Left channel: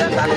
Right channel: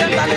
তালি